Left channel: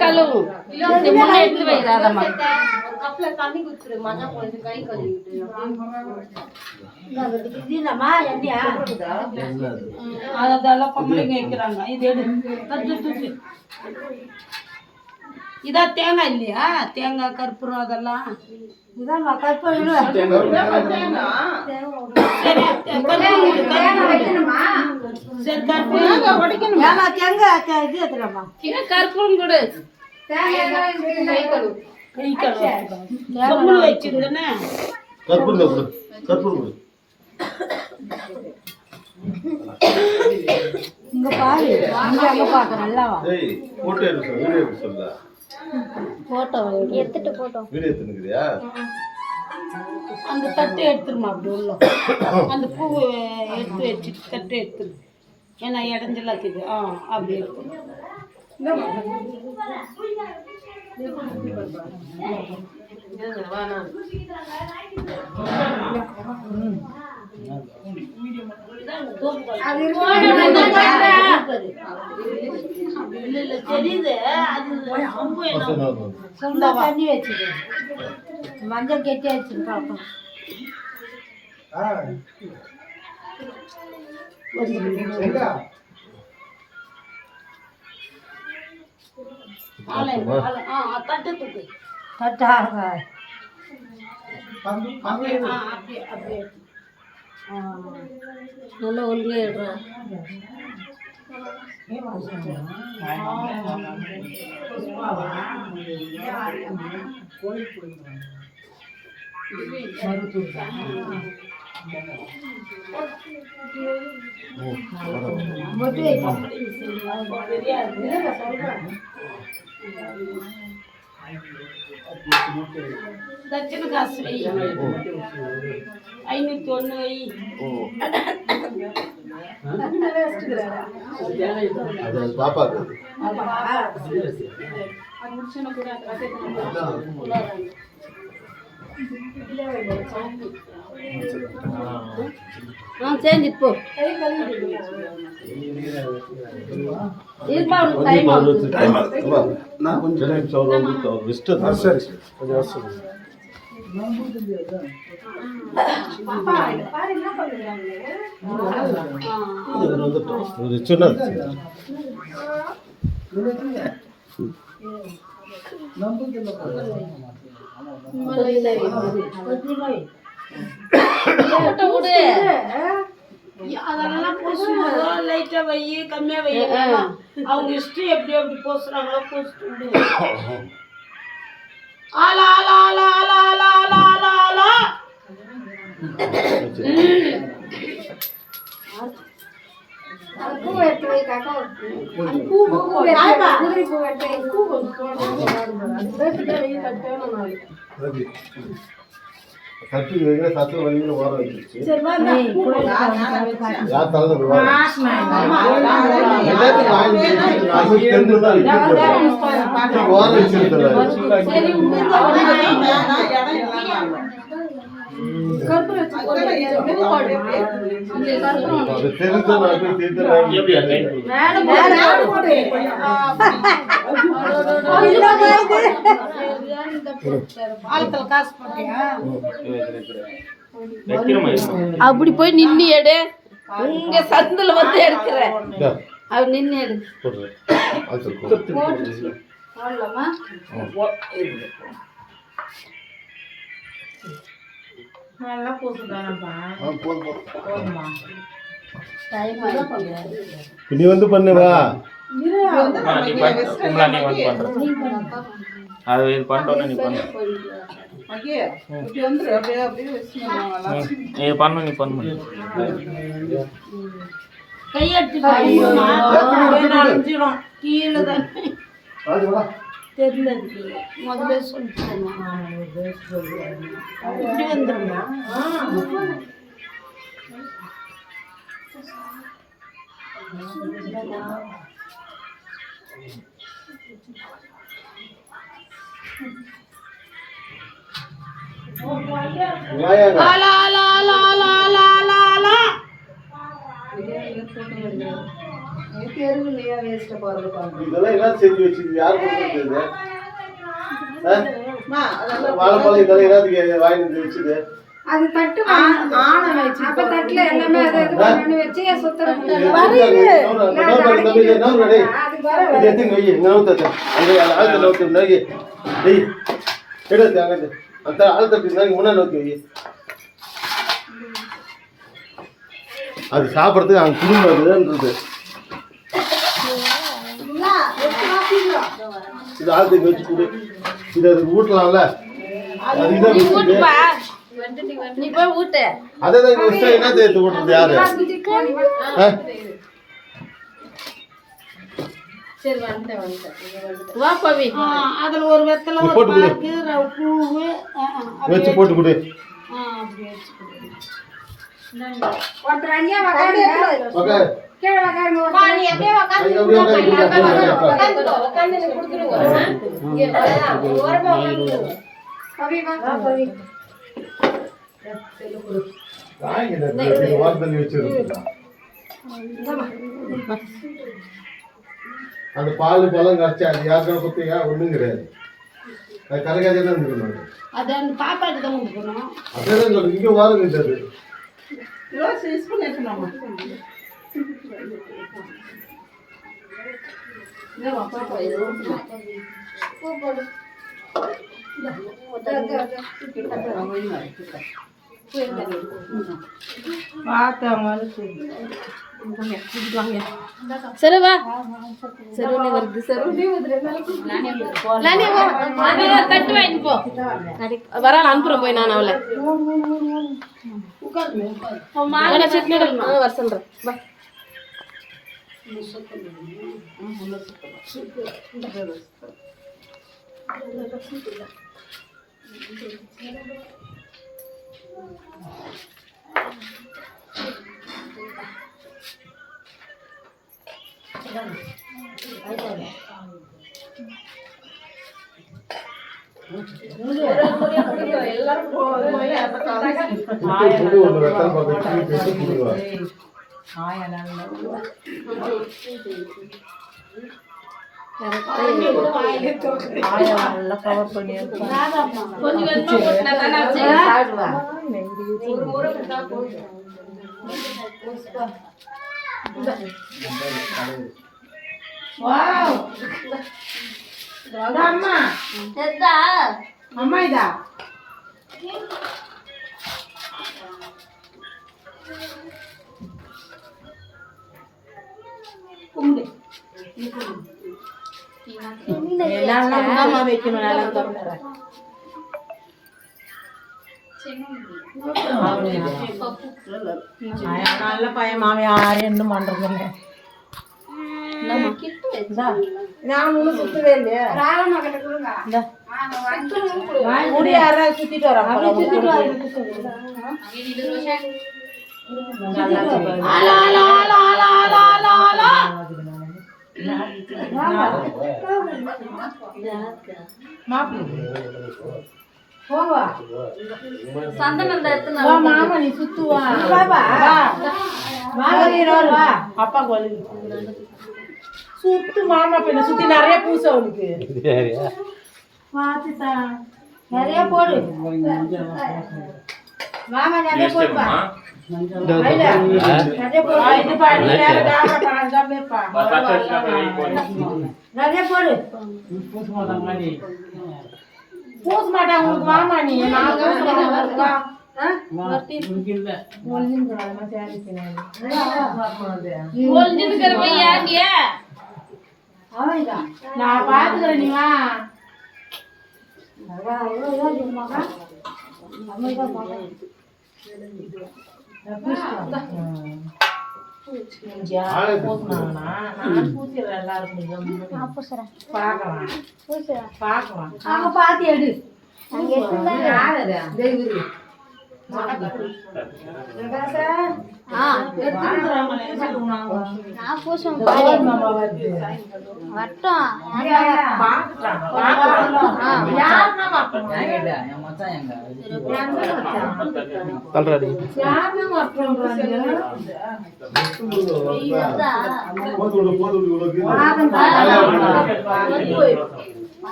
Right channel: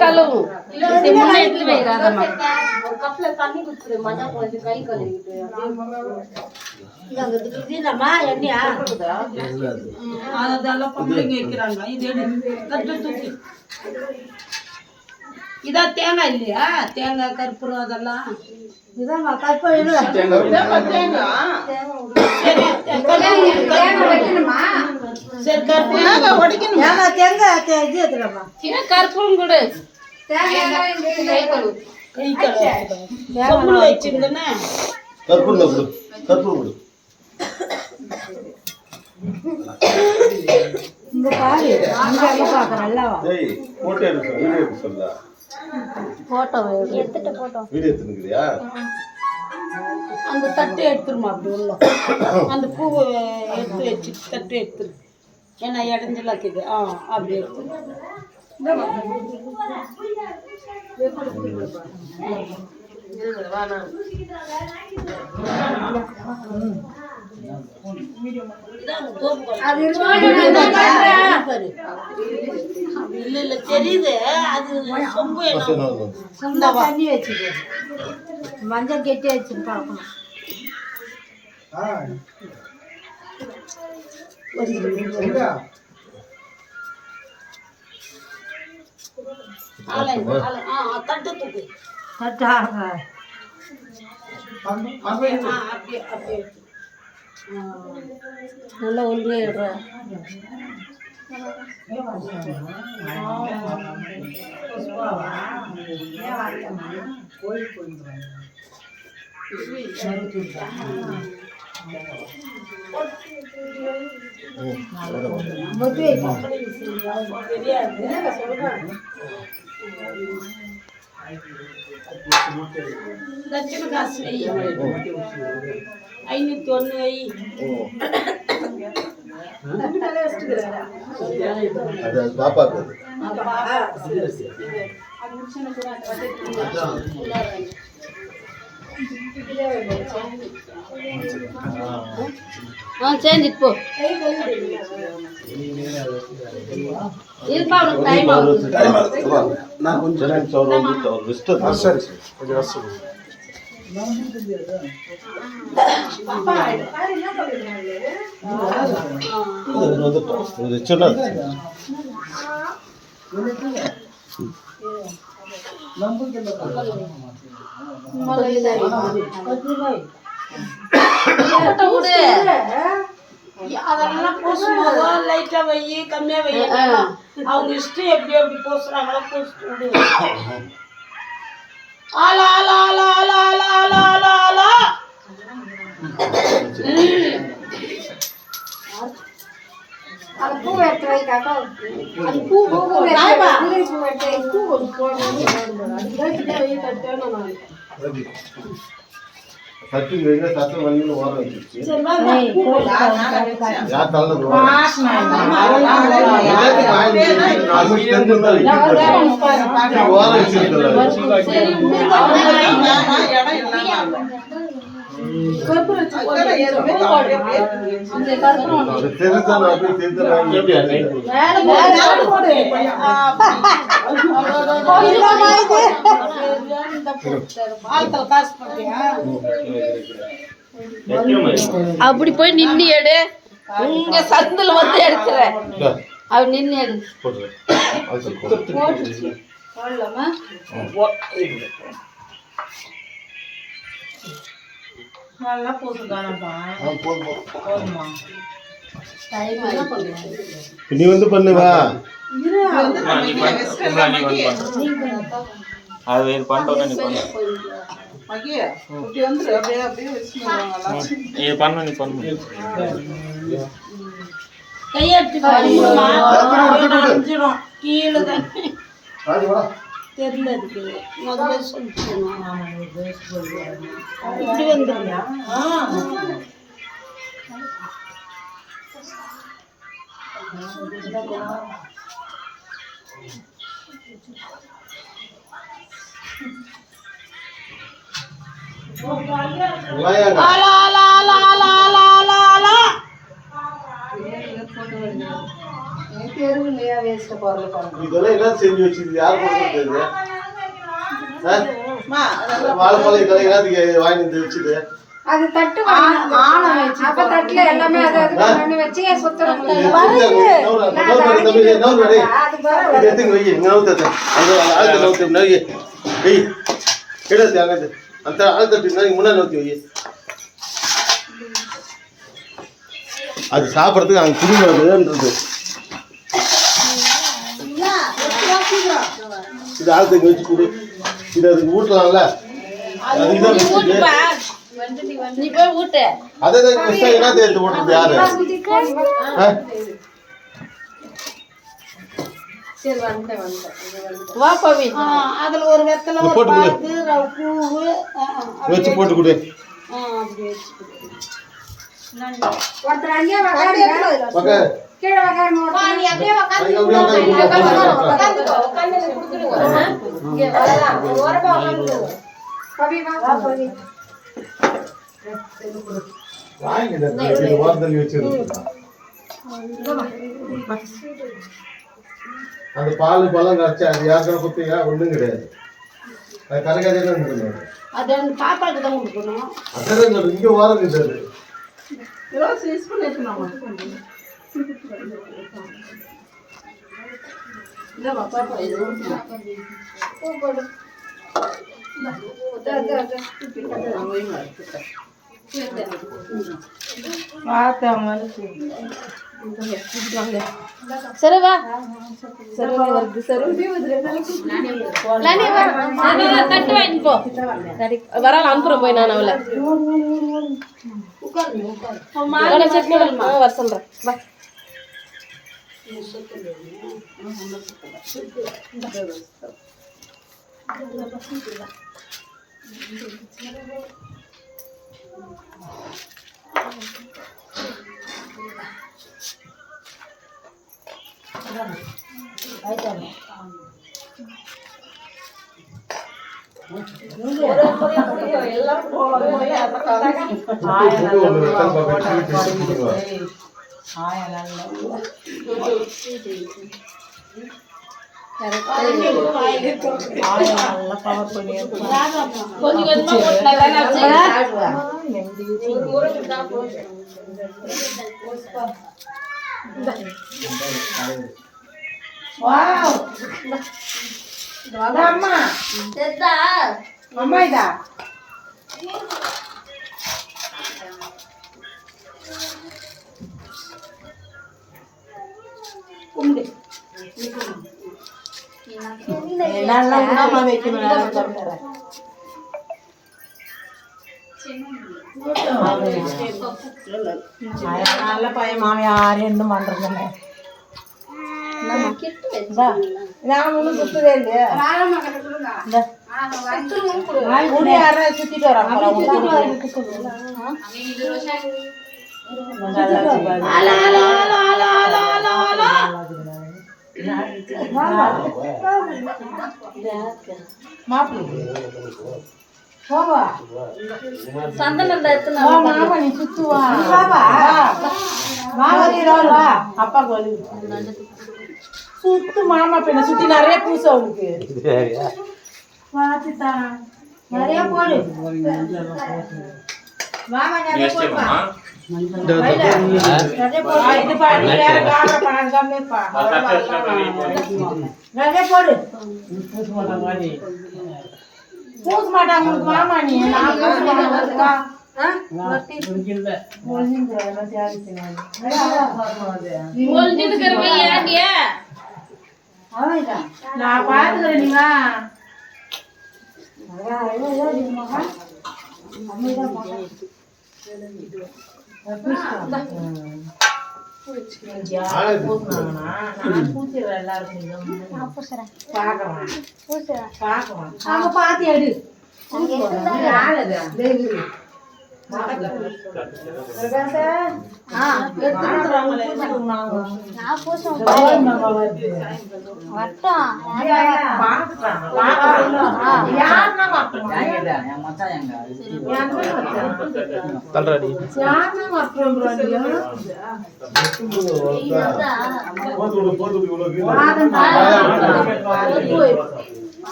கழுவு எடுத்து வைக்காதம்மா அதெல்லாம் பொம்பளைங்க வைக்கிறாங்க. இது தூக்கி இதான் தேங்காய் இல்லையா? தேங்காய் கற்பூரம் அதெல்லாம் இதான் கற்பூரம். சரி கற்பூரம் கொடு. வச்சிருந்தேன்னா இந்த பாரு நல்லா போட்டோ எடுத்துட்டு அந்த தட்டை எடுத்துருமா அப்படி உள்ள அந்த பூவை எடுத்து வச்சு தட்டை எடுத்துரு. ஏன்னா இடைஞ்சலாம் இருக்குது. அப்படி எடுத்து இல்ல தெரியுது. அது தண்ணி வச்சுது மஞ்சள் கெட்டி வச்சுட்டு பார்க்கணும். தட்டு தூக்கு தட்டா நல்லா ஒன்றியா தட்சண காசு வை 501 வை. செஞ்சுட்டு போ. டைம் ஆகுது. நான் கொஞ்சம் அதெல்லாம் பூசும்போதோ லைட்டா வை கம்மியா வை. அவங்க இஷ்டம் எப்படி எப்படி பூசுறாங்களோ பூசிட்டு விடு. ஆலா ஆலா ஆலா ஆலா ஆலா ஆலா ஆலா ஆலா. அது பூ எடுத்து வை காக்கா. அது பூ சட்டி வைங்க சத்த வலியில ஓர வச்சிருச்சு. சரி வா யா தள்ள வா. எல்லாத்தையும் வாங்கி நான் ஸ்டெண்ட் தான் வைக்கிறேன். ஓர வச்சிருக்கேன். சரி கற்பூரம் போடு. இந்த கற்பூரம் அது தெரிஞ்சா நான் தெரிஞ்சா எப்படி கைட் போடு. மேல போடு. இல்ல இது அப்படி போய் நின்று எடு. உங்க சந்தில வந்து எடுக்கிற அவ நின்று எடு. நல்லா போட்டுதானப்பா. நீ வந்து பண்ணுவா அது பண்ணிட்டோன்னு நீ பண்ணு. நீ பண்ணு நீ பண்ணு. கையெடுத்து கீழே தான் தெரியல. முதல்ல சொல்லிட்டு இப்படி வந்துடுங்க. இதெல்லாம் என்ன செஞ்சு வச்சிருக்கு யாரு கொடுத்தது வாழைப்பழம் இதெல்லாம் என்னத்துக்கு வாங்கி வந்து வச்சுது அது தட்டு அப்ப தட்டுல எல்லாமே அதை வச்சு சுத்தம் அந்த ஆழ்த்தட்டு முன்னாடி நோக்கி வை அது சாப்பிட்றதுக்கு அங்கே குடும்பம்ன்றது இது ஆழ்த்துக்கு வச்சு கொடு இது அதுக்கு ஊட்டலாம்ல அது இதை வச்சுட்டு நீ போய் ஊட்டு அதேதான் என்ன தேர்த்து ஊட்டுறது யாரு சரி வந்துட்டேன் வா பவி அதுல ஒரு வெத்தலை ஒரு பாக்கு பூவு வச்சு போட்டு கொடு அப்படி வச்சு கொடு ஒருத்தர் அங்கேயே உக்காருங்க கீழே உக்காருங்க நீ அப்படியே அந்த பால் பழம் கரைச்சி அது யாருக்கிற பத்தியா ஒன்றும் கிடையாது அது கரைக்காதே தான் இருக்கணும் அது அந்த பாப்பாக்கு தான் கொடுக்கணும் அதேதான் சொல்றேன் இங்கே வாரம் கிடையாது சரவா சரவணி வருது சரவணி கட்டு வாங்கி போ வர அனுப்புறேன் போய் நான் அவளை சட்னி வர சொல்றேன் வா அம்மா இதா நல்ல பையன் மாமியார் என்ன பண்றதில்ல நான் ஒன்றும் சுத்தவே இல்லையா சுத்திட்டு சுத்து மாமா பெண்ண சுத்தி நிறைய பூசை அவனுக்கு நிறைய போடு மாமா நிறைய போடுப்பா நிறைய போடு பூச மாட்டாங்க உங்களுக்கு மாமா நீ நான் பாத்துக்கிறேன் நீங்களா பாத்தி எடு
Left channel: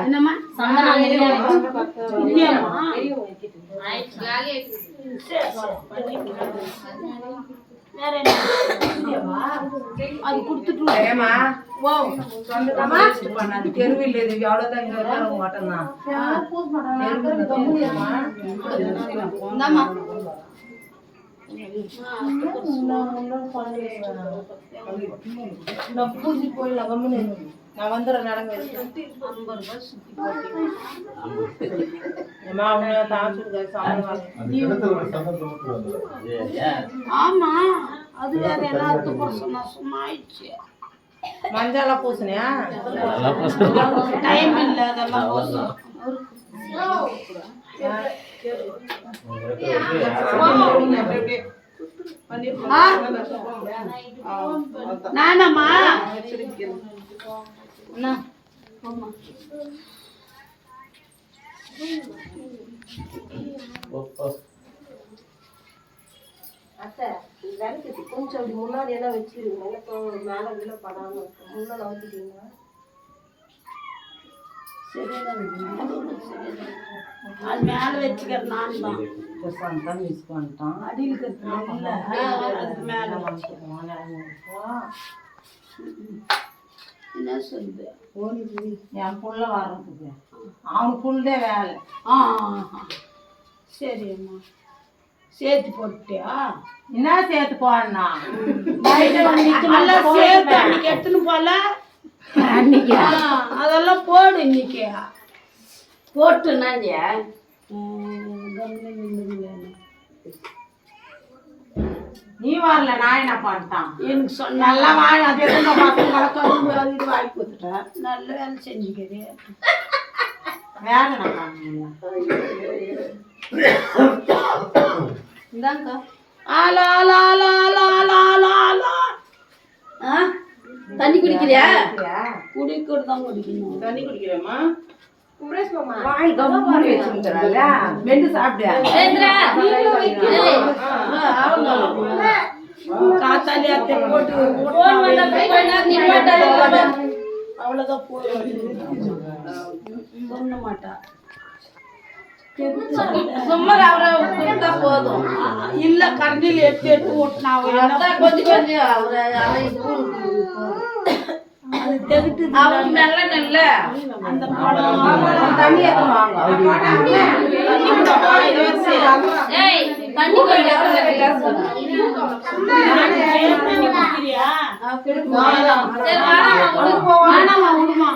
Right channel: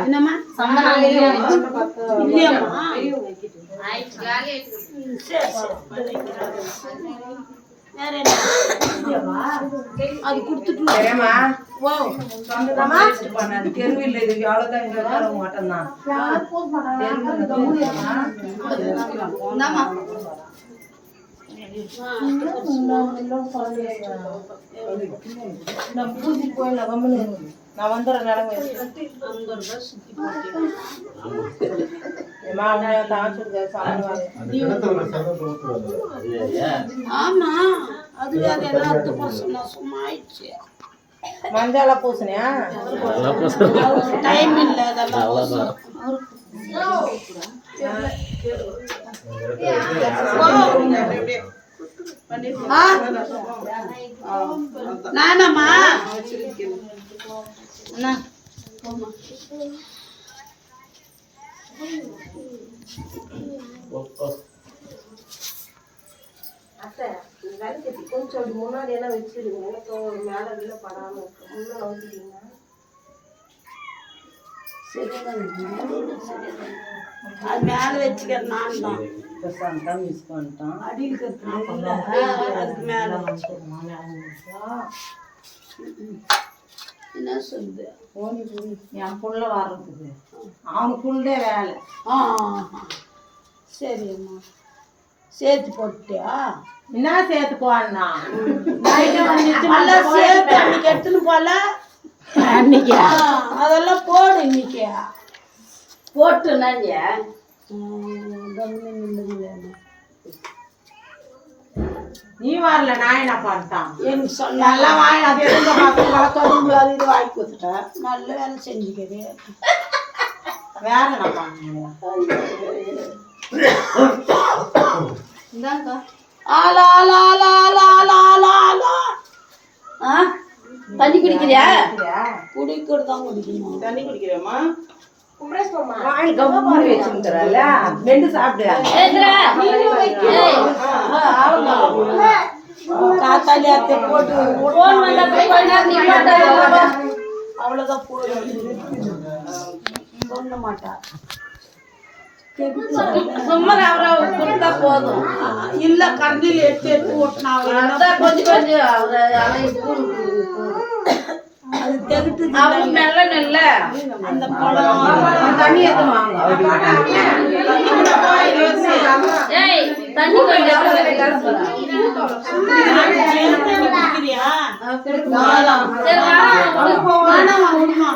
என்னம்மா இல்லையாம்மா வேற என்ன அது கொடுத்துட்டு தெருவில் இது அவ்வளவுதான் இங்க மாட்டோம்தான் நான் பூஜை போயிடலாம் கம்முன்னு நான் வந்துடுறேன் நடங்க 50 ரூபாய் சுத்தி போட்டீங்க ஏமா உண்மையா தாச்சிருக்க சாப்பிடுவாங்க ஆமா அது வேற என்ன சொன்னா சும்மா ஆயிடுச்சு மஞ்சால பூசணியா டைம் இல்ல அதெல்லாம் பூசணும். நானம்மா அண்ணா அத்தை விளக்கு கொஞ்சம் அப்படி முன்னாடி எல்லாம் வச்சிருங்க எனக்கு மேல கீழே படாம இருக்கு முன்ன நோக்கிட்டீங்க அது மேல வச்சுக்கிறேன் நான் தான் மிஸ் பண்ணிட்டோம் அடியில் கட்டுறேன் அதுக்கு மேல என்ன சொல்லுது என் புள்ள வர்றதுக்கு அவனுக்கு புள்ளே வேலை சரி அம்மா சேர்த்து போட்டியா என்ன சேர்த்து போனா நல்லா சேர்த்து அன்னைக்கு எடுத்துன்னு போல அன்னைக்கு அதெல்லாம் போடு இன்னைக்கு போட்டுனா நீ வரல நான் என்ன பண்ணிட்டான் எனக்கு சொன்ன நல்லா வாங்கினா கரும்பு அது இது வாங்கி கொடுத்துட்டேன் நல்ல வேலை செஞ்சுக்கிறேன் வேற என்ன பண்ணுங்க இந்தாங்க ஆலா ஆலா ஆலா ஆலா ஆலா ஆலா ஆலா தண்ணி குடிக்கிறியா குடிக்கிறது தான் குடிக்கணும் தண்ணி குடிக்கிறேம்மா வாங்கி கம்மூடி வச்சுக்கிறல வெண்டு சாப்பிடு காத்தாலி அத்தை போட்டு அவ்வளோதான் போதும் சொல்ல மாட்டா போதும் இல்ல கரண்டியில் எடுத்து ஓட்டினா கொஞ்சம் அது தெகிட்டு அந்த படம் தண்ணி வாங்க குடிக்கிறியா வேணாமா விடுமா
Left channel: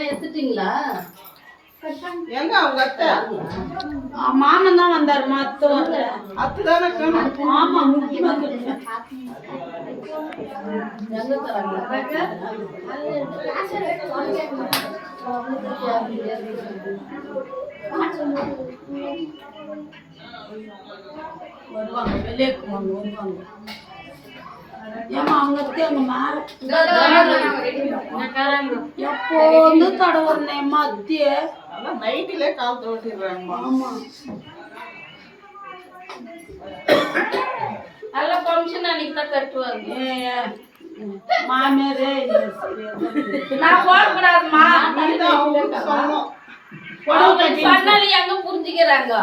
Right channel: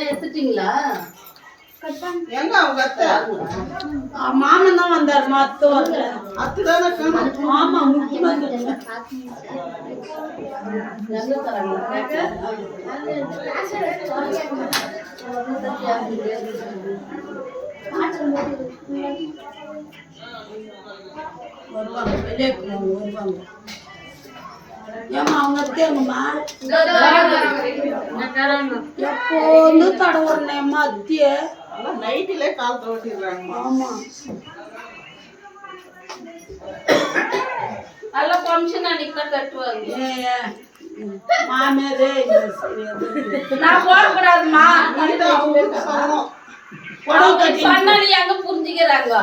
எடுத்துட்டீங்களா மாமன் தான் வந்தார் அத்தை வரல அத்துதானே ஆமா முக்கியமா வருவாங்க வெளியே வருவாங்க ஏமா அவங்க அத்தையங்கம்மா எப்போ வந்து தடவுறேம்மா அத்திய நைட்டிலே கால் தோட்டிடுறாங்க ஆமா நல்ல ஃபங்க்ஷன் அன்னைக்கு தான் கட்டுவாங்க மாமியாரே நான் போடக்கூடாதுமா புடவை கட்டி சொன்னாலும் எங்க புரிஞ்சுக்கிறாங்க